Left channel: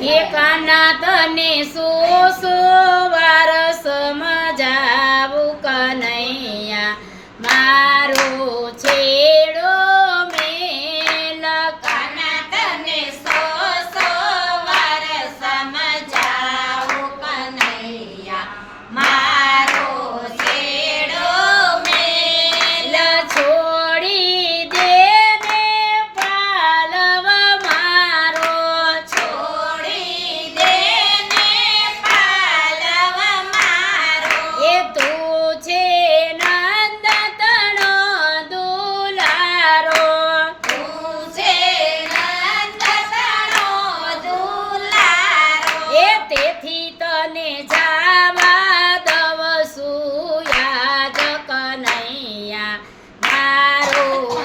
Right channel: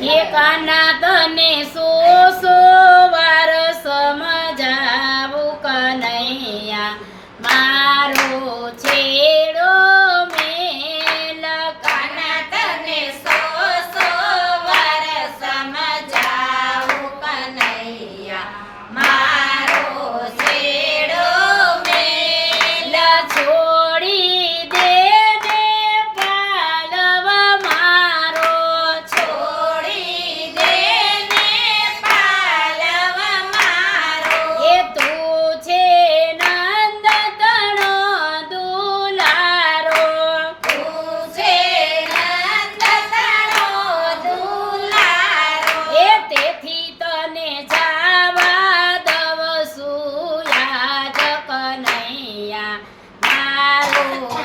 એ કાના તને સો સો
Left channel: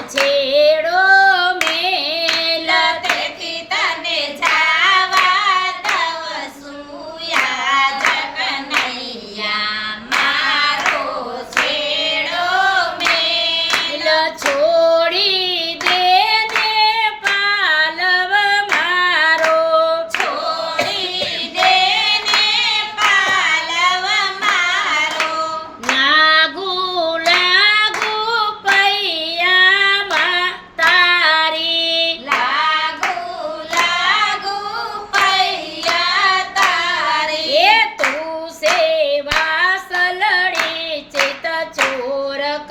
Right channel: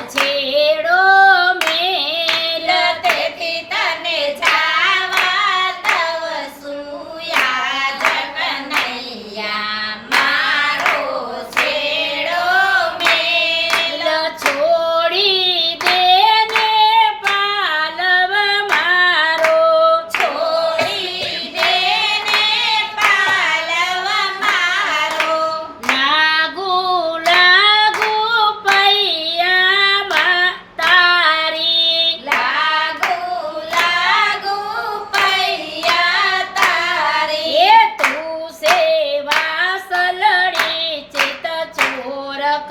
亲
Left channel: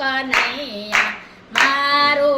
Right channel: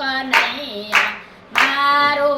કનૈયા મારો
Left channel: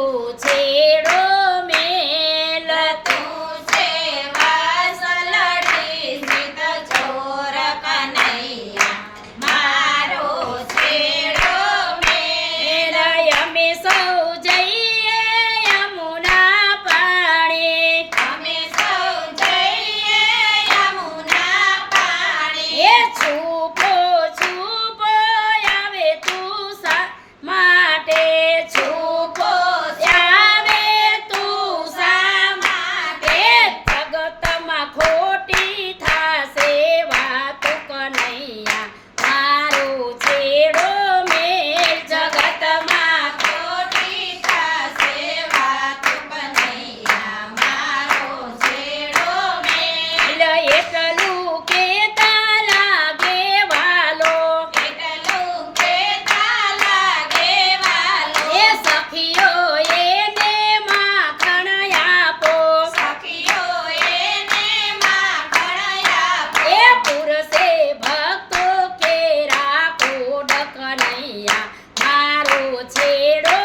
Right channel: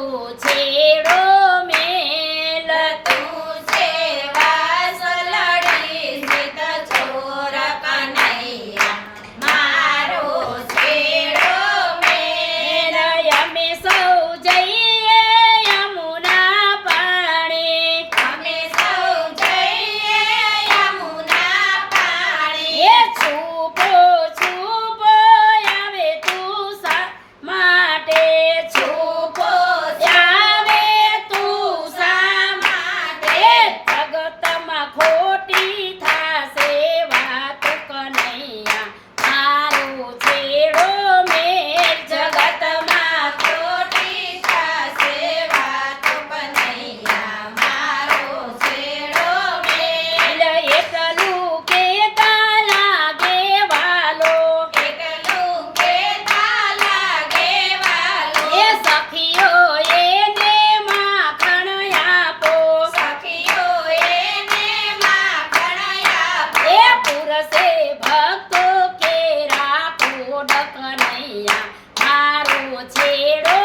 માટે છું કનૈયા મારો છેડો